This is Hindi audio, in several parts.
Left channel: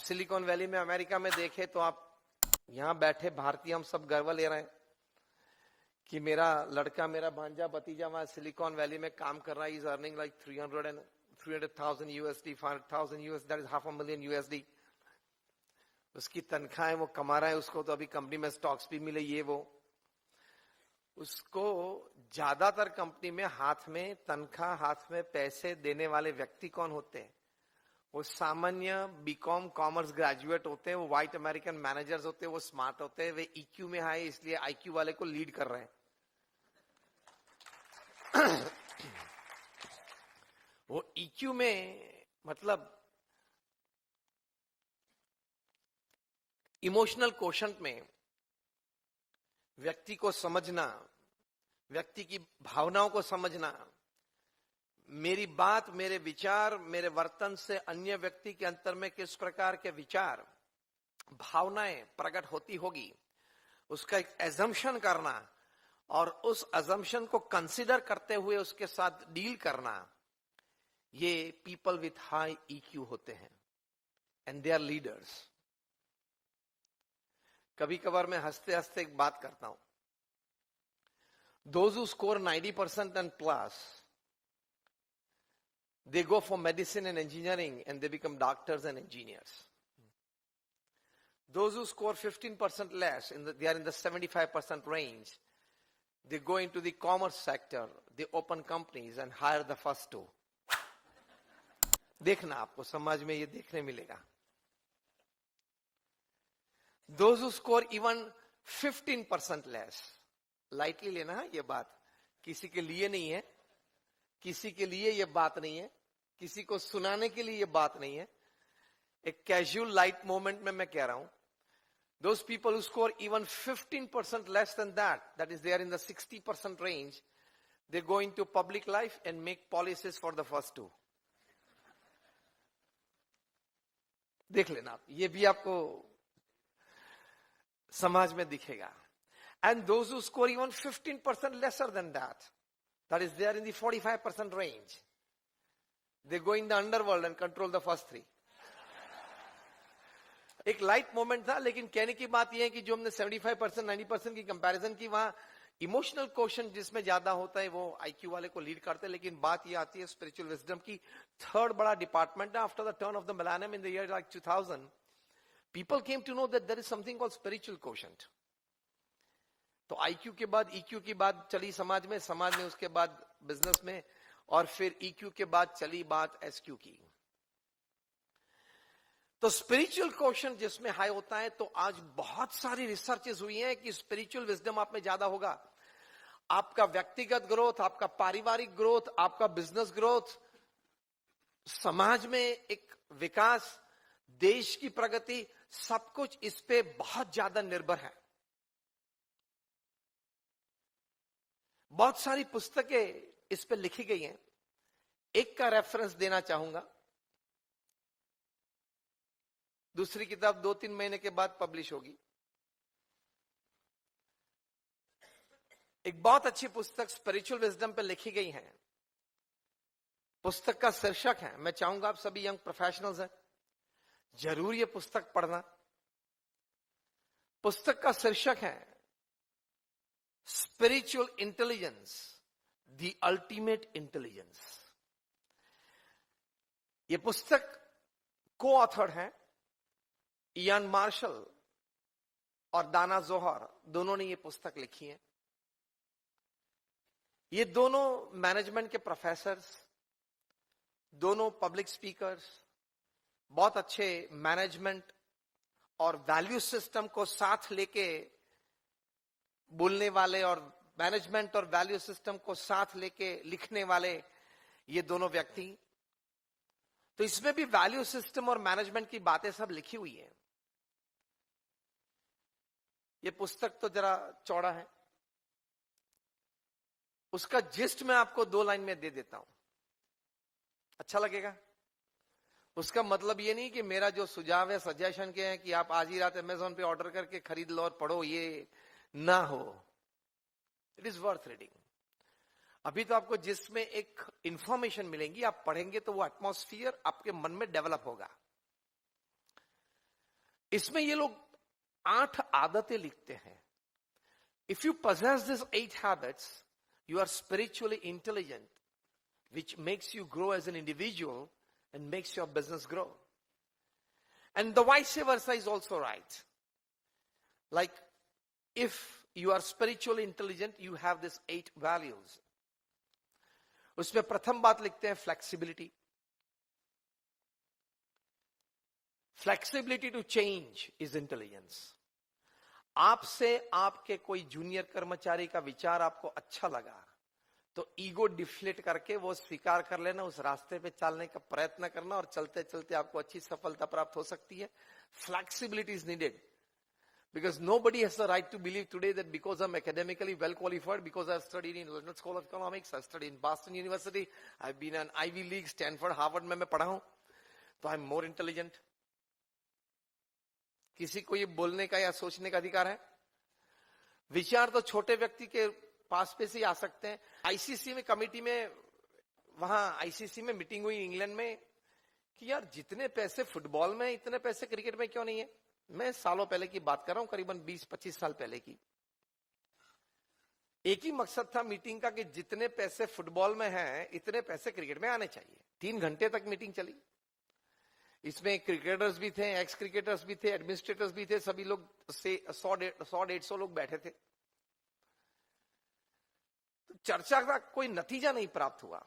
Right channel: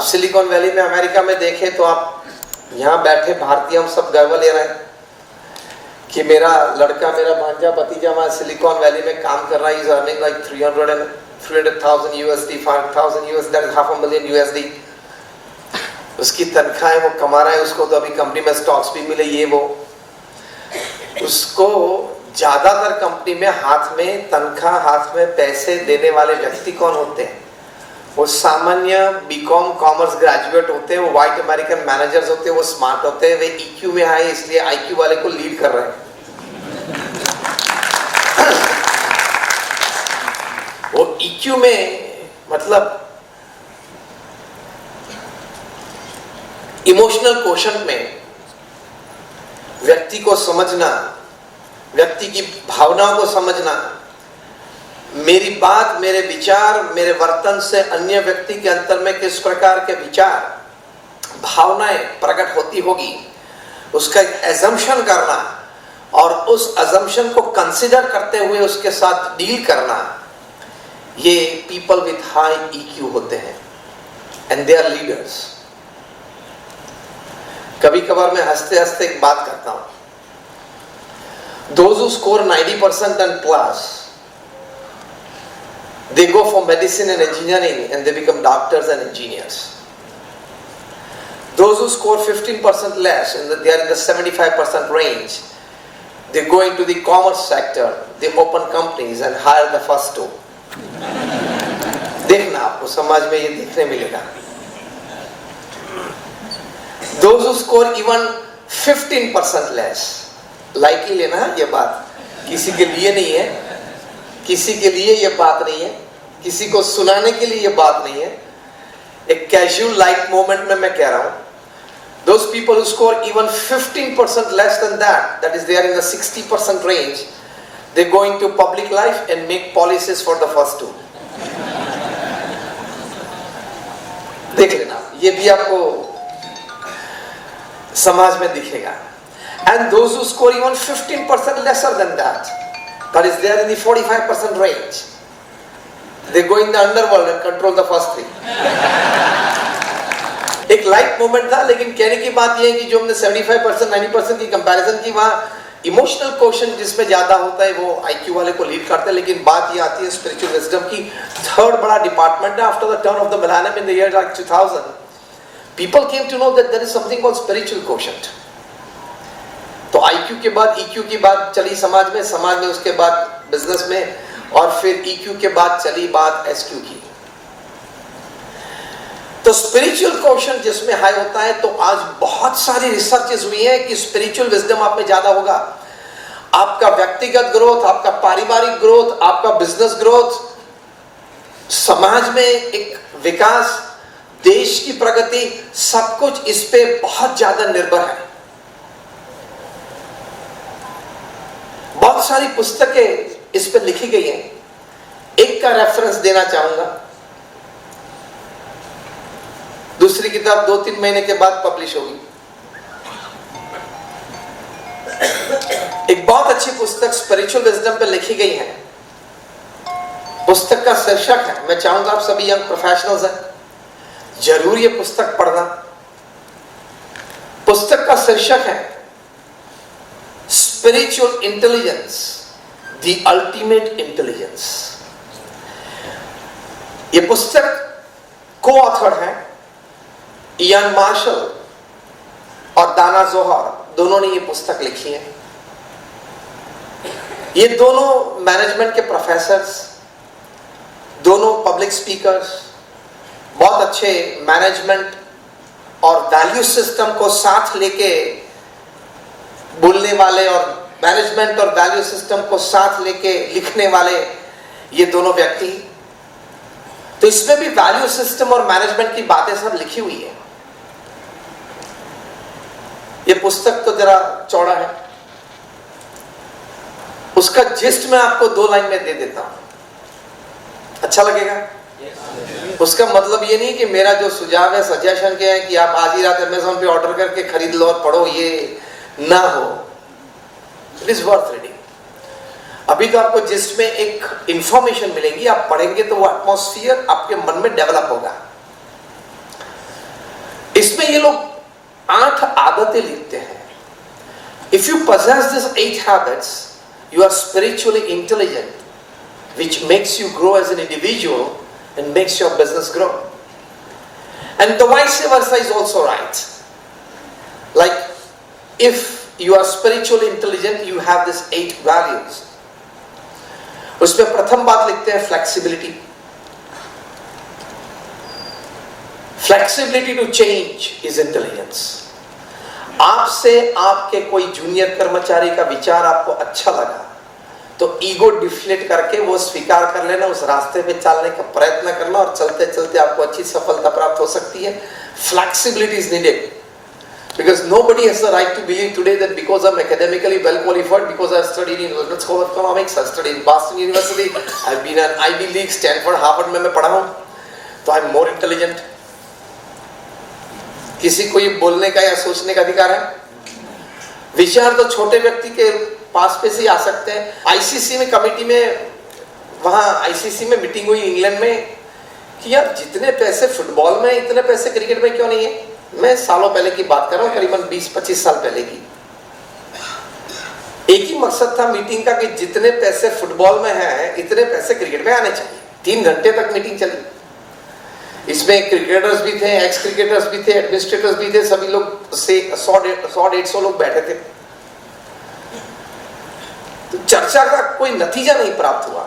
आप सिलिकॉन वैली में अमेरिका में देखें तो आप यहाँ बैठे भारतीय हम सब गर्व ले रहे हैं कि मेरा लड़का, मेरा भांजा, भतीजा वहाँ सिलिकॉन वैली में काम कर रहा है. Is earning like 300,000 USD, 5,000 USD, that is $500,000 USD. उसकी तनख्वाह है, वो कमा रहा है. उसको तो अभी कंपनी में स्टॉक्स भी मिले, ये वो. उसको ज्यादातर कंपनी में हाथ में तनख्वाह, हाथ में पैसे देने वाले व्यक्ति कौन होते हैं? वो सामान्य बीकॉम कॉमर्स ग्रेजुएट होते हैं, वो व्हाइट अमेरिकन मैनेजर्स होते हैं, वो स्मार्ट होते हैं, वे EQ में आए इसलिए IQ वाले को लीड कर रहे हैं. वो EQ में मतलब इमोशनल क्वोशंट में व्यक्ति को समझना, व्यक्ति की भावनाओं को समझना, मेरी बात, मेरे विचार, मेरे वर्तन से अन्य व्यक्ति के अंतर में किस प्रकार के विचार, भावनाएं प्रकट होती होगी, उसका एक एजम्पशन करना और उस एजम्पशन को कंसिडर करते हुए उसके साथ डील करना, ये पीपल विथ हाई EQ होते हैं एंड दे आर लीडर्स. कभी कभार मैं हंसते हंसते एक बात करता हूं. Those who score 90% and plus, they go for medicine and engineering and they become doctors and engineers. Those who score 15% less and they are in the 75% range, they go into the commerce sector, they open companies and hire the first two. देखना आपको समाज में ये देखने मिलेगा. Those who score even 15% less, like he लेना ये बात, किसी के लिए नहीं है, किसी के लिए ये बात नहीं है, किसी को सुनाने के लिए ये बात नहीं है, एक कैजुअल लाइक मोमेंट में मैं कह रहा हूं. Those people who score even 15% less than that, that is they are in the 60% range, they go into public life and make policies for the first two. देख लेना, ये भी आपको समाज में दिखेगा. And those who score even 15% lesser than that, that is they are in the 45% range, they go in the underworld and control the first three. एक लाइट मोमेंट था, लेकिन कहने की बात यह है कि जो हमने 75% 90% की कंपैरिजन की, वहां इमोशनल क्वेश्चन जिसमें ज्यादा होता है वो IQ वाले को लीड करते हैं. लेकिन बात ये आती है स्पिरिचुअल विजडम की. थर्ड बड़ा डिपार्टमेंट है after the turn off the millennium in the year like 2000, people came to know that there is something called spiritual quotient. तो IQ के बाद EQ की बात चली समाज में उसके बाद बिजनेस में, और फिर EQ के बाद चली बात SQ की. तो स्पिरिचुअल क्वेश्चन जिसमें हाई होता है, तो आज बहुत सारी रिसर्चेस हुई है कि स्पिरिचुअल विजडम आप में ज्यादा होगा. आपका व्यक्तिगत ग्रोथ, आपका पारिवारिक ग्रोथ, आपका बिजनेस ग्रोथ, समाज में एक विकास, देश की प्रगति, सब कुछ इस पे बहुत ज्यादा निर्भर है. बहुत सारी पुस्तकें इस पर लिखी गई हैं. एक का रेफरेंस देना चाहूंगा. दूसरी किताब 2-3 महीने के बाद पब्लिश होगी. एक बहुत अच्छी पुस्तक स्पिरिचुअल विजडम पे लिखी गई है. पुस्तक का शीर्षक है, मैं चाहूंगा आप सभी यंग प्रोफेशनल्स हैं, जरूर ये पुस्तक पढ़ना. पुस्तक का शीर्षक है Spiritual Intelligence, the Ultimate Intelligence. ये पुस्तक को ऑथर है इयान मार्शल और दाना जोहर, दोनों ने ये पुस्तक लिखी है. ये दोनों मैनेजमेंट के प्रोफेसर्स, दोनों पब्लिक स्पीकर्स, बहुत अच्छे मैनेजमेंट और वैल्यू सिस्टम को साथ लेके बोलने वाले और मैनेजमेंट और वैल्यू सिस्टम को साथ लेके लिखने वाले ये दोनों व्यक्ति. तो इसमें भी वैल्यू सिस्टम और मैनेजमेंट की बातें सब लिखी हुई है. ये पुस्तक तो जरा चौड़ा है, उसका जिस्ट मैं आपको 2 लाइन में दे देता हूं, अच्छा लगेगा? उसका मतलब ये नहीं कि मेरा जो सुझाव है, सजेशन क्या है कि आप आज ही रात अमेज़न पे ऑर्डर करके खरीद लो और पढ़ो, ये ना हो. It is worth reading. अभी तो आपको जिसमें एक इंफॉर्मेशन मिलेगी, आप पढ़ेंगे तो वो एटमॉस्फियर आपके मन में डेवलप होगा. ये लोग 8 आदतें लिखते हैं. If you possess these 8 habits, you are spiritually intelligent, which makes you grow as an individual and makes your business grow. And the vice versa is also right. Like, if you are spiritually intelligent, you have these 8 values. उसमें प्रथम बात लिखते हैं flexibility. Flexibility to change is intelligence. आपसे आपके कोई जूनियर कर्मचारी का विचार आपको अच्छा लगा तो ईगो डिफ्लेट करके वो स्वीकार कर लेना, उस रास्ते पे चलने का प्रयत्न करना और चलते चलते आपको अच्छी सफलता प्राप्त हो सकती है. Flexibility is needed because nobody has the right to believe today that because I'm academically well qualified, because I've studied in London School of Economics, I've studied in Boston University, I've been an Ivy League, Stanford, Harvard में मैं पढ़ा हूँ तो I'm more intelligent. किसी को ये बोलने का या सोचने का अधिकार है? विचार तो छोटे व्यक्ति के पास पे से आ सकते हैं. आईसीसी में कमेटी में, वहां आईसीसी में मीटिंग हुई इंग्लैंड में कि यार जितने पैसे फुटबॉल में इतने पैसे क्रिकेट में क्यों नहीं है. मैं सालों पहले की बात कर रहा हूं, करीबन 20-25 साल पहले की. एक ही मकसद था मीटिंग का कि जितने पैसे फुटबॉल में है इतने पैसे क्रिकेट में आने चाहिए. 3 घंटे तक मीटिंग चली. इसमें क्रिकेटर्स भी थे, एक्स क्रिकेटर्स भी थे, एडमिनिस्ट्रेटर्स भी थे, सभी लोग से 100-150 लोग बैठे थे. तो चर्चा का कोई नतीजा नहीं प्राप्त हुआ.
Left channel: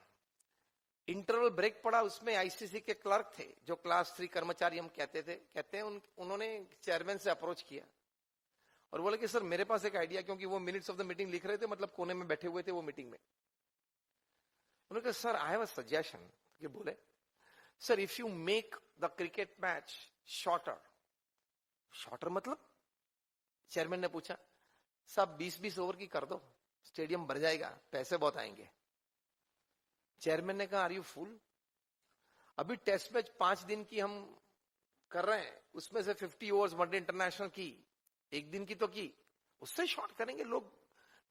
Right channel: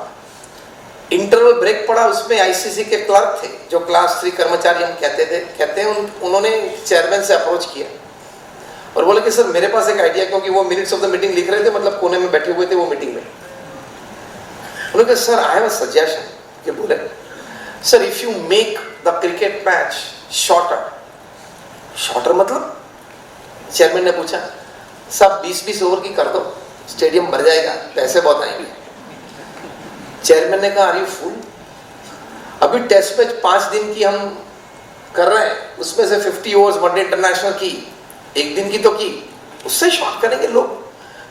इंटरवल ब्रेक पड़ा, उसमें आईसीसी के क्लर्क थे जो क्लास 3 कर्मचारी हम कहते हैं उन्होंने चेयरमैन से अप्रोच किया और बोले कि सर मेरे पास एक आइडिया, क्योंकि वो मिनट्स ऑफ द मीटिंग लिख रहे थे, मतलब कोने में बैठे हुए थे वो मीटिंग में. उन्होंने कहा sir I have a suggestion. कि बोले sir if you make the cricket match shorter मतलब? चेयरमैन ने पूछा सब 20-20 ओवर की कर दो, स्टेडियम भर जाएगा, पैसे बहुत आएंगे. चेयरमैन ने कहा आर यू फूल? अभी टेस्ट मैच 5 दिन की हम कर रहे हैं, उसमें से 50 ओवर्स वनडे इंटरनेशनल की, 1 दिन की तो की, उससे शॉर्ट करेंगे लोग.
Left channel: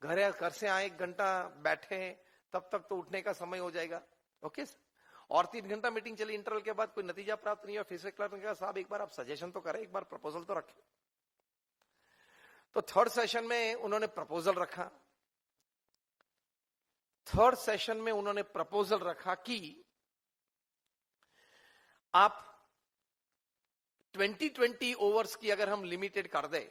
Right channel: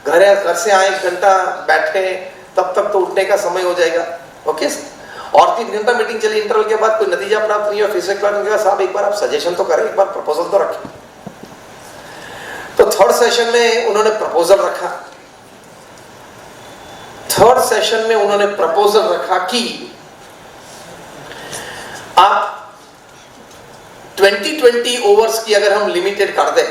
घर से आए 1 घंटा बैठे, तब तक तो उठने का समय हो जाएगा. ओके और 3 घंटा मीटिंग चली. इंटरवल के बाद कोई नतीजा प्राप्त नहीं हुआ. फिर से क्लर्क ने कहा साहब एक बार आप सजेशन तो करें, एक बार प्रपोजल तो रखें. तो थर्ड सेशन में उन्होंने प्रपोजल रखा. थर्ड सेशन में उन्होंने प्रपोजल रखा कि आप 20-20 ओवर्स की अगर हम लिमिटेड कर दें,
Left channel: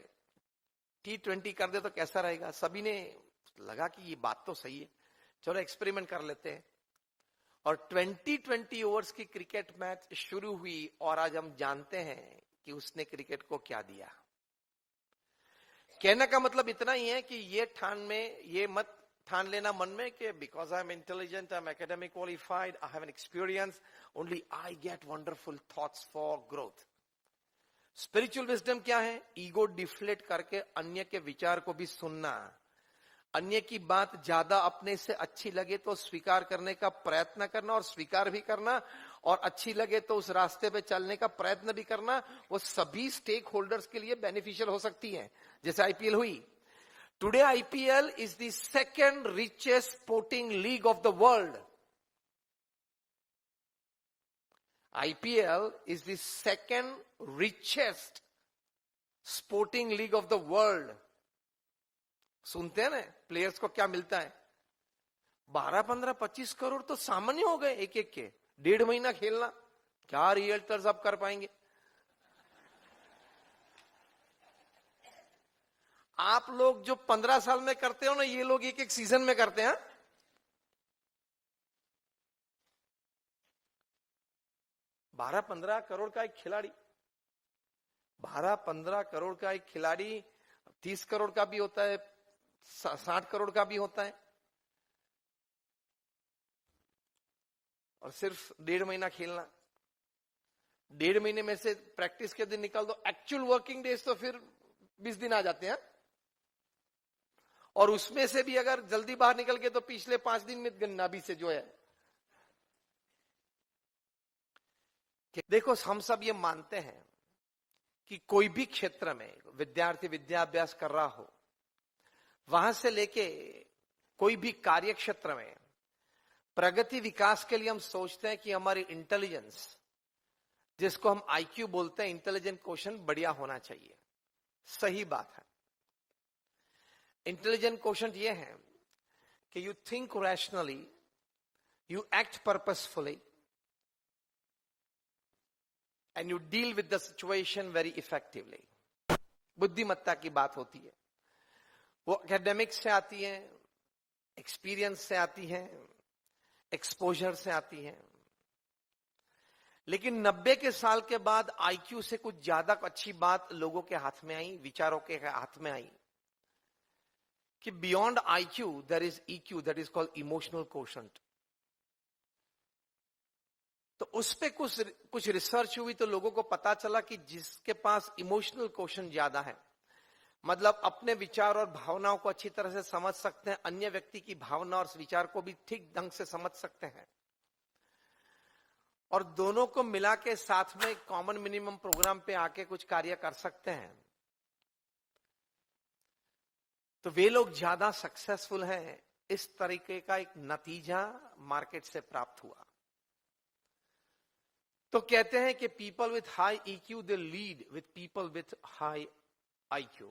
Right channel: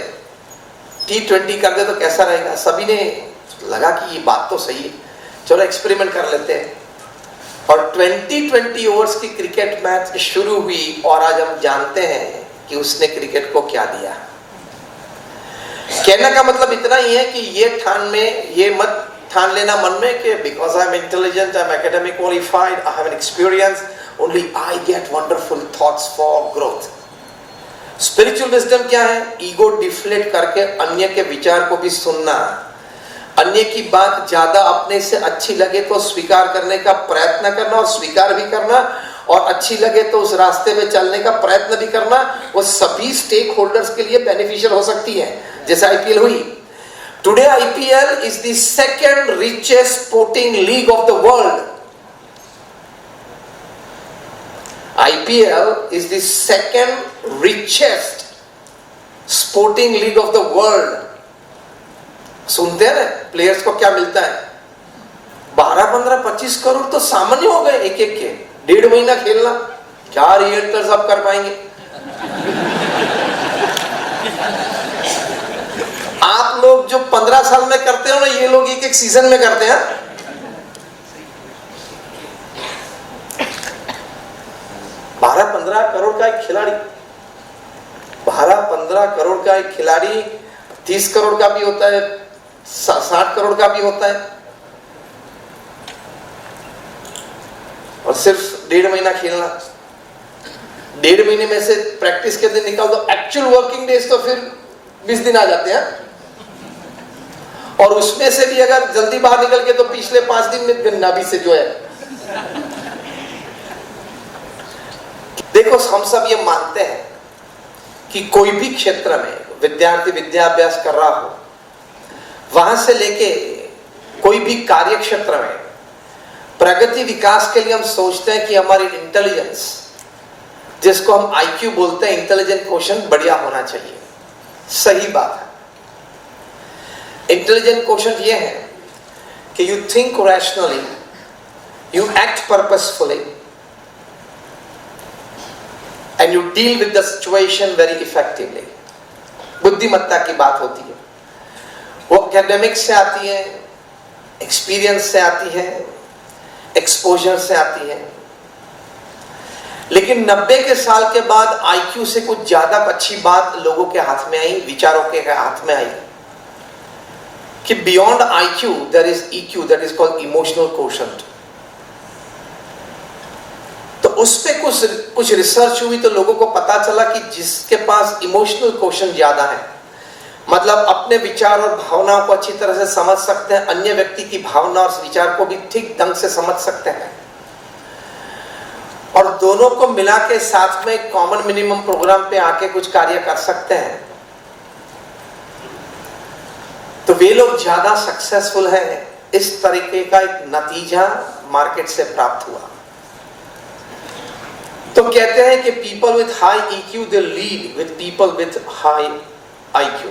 T20 कर दे तो कैसा रहेगा. सभी ने लगा कि ये बात तो सही है, चलो एक्सपेरिमेंट कर लेते हैं. और 20-20 ओवर्स की क्रिकेट मैच शुरू हुई और आज हम जानते हैं कि उसने क्रिकेट को क्या दिया. कहने का मतलब इतना ही है कि ये मत ठान लेना मन में कि because I am intelligent, I am academic qualified, I have an experience, only I get wonderful thoughts for growth. Spiritual wisdom क्या है? ईगो डिफ्लेट करके अन्य के विचार को भी सुनना, अन्य की बात ज्यादा अपने से अच्छी लगे तो स्वीकार करने का प्रयत्न करना और स्वीकार भी करना, और अच्छी लगे तो उस रास्ते में चलने का प्रयत्न भी करना. वो सभी स्टेक होल्डर्स के लिए बेनिफिशियल हो सकती है. जैसे आईपीएल हुई. Today IPL is the second richest sporting league of the world. IPL is the second richest sporting league of the world. सुनते हैं ना प्लेयर्स को क्या मिलता है? 12, 15, 25 करोड़ तो सामान्य हो गए एक के. 1.5 महीना खेलना, क्या रिएक्टर्स आप कर पाएंगे? आप लोग जो 15 साल में करते हो ना, ये लोग एक सीजन में करते हैं. 12-15 करोड़ का एक खिलाड़ी, 12-15 करोड़ का एक खिलाड़ी 30 करोड़ का भी होता है, 60 करोड़ का भी होता है, और सिर्फ 1.5 महीना खेलना. 1.5 महीने में से प्रैक्टिस के दिन निकाल दो, एक्चुअल वर्किंग डेज तो फिर 20 दिन आ जाते हैं. और उसमें से भी अगर जल्दी बाहर निकल के तो पिछले 5 दिन में नाभि से जो है. देखो हम सब ये मानते हैं कि कोई भी क्षेत्र में विद्यार्थी विद्याभ्यास कर रहा हो, वहां से लेके कोई भी कार्य क्षेत्र में प्रगति विकास के लिए हम सोचते हैं कि हमारी इंटेलिजेंस जिसको हम IQ बोलते हैं, इंटेलिजेंट क्वेश्चन बढ़िया होना चाहिए। सही बात है। इंटेलिजेंट क्वेश्चन ये है कि you think rationally, you act purposefully and you deal with the situation very effectively. बुद्धिमत्ता की बात होती है, वो एकेडमिक्स से आती है, एक्सपीरियंस से आती है, एक्सपोजर से आती है। लेकिन 90 के साल के बाद IQ से कुछ ज्यादा अच्छी बात लोगों के हाथ में आई, विचारों के हाथ में आई कि beyond IQ there is EQ, that is called emotional quotient. तो उस पे कुछ रिसर्च हुई तो लोगों को पता चला कि जिसके पास इमोशनल कोशेंट ज्यादा है, मतलब अपने विचार और भावनाओं को अच्छी तरह से समझ सकते हैं, अन्य व्यक्ति की भावना और विचार को भी ठीक ढंग से समझ सकते हैं, और दोनों को मिला के साथ में कॉमन मिनिमम प्रोग्राम पे आके कुछ कार्य कर सकते हैं, तो वे लोग ज्यादा सक्सेसफुल हैं। इस तरीके का एक नतीजा मार्केट से प्राप्त हुआ। तो कहते हैं कि people with high EQ they lead with people with high IQ।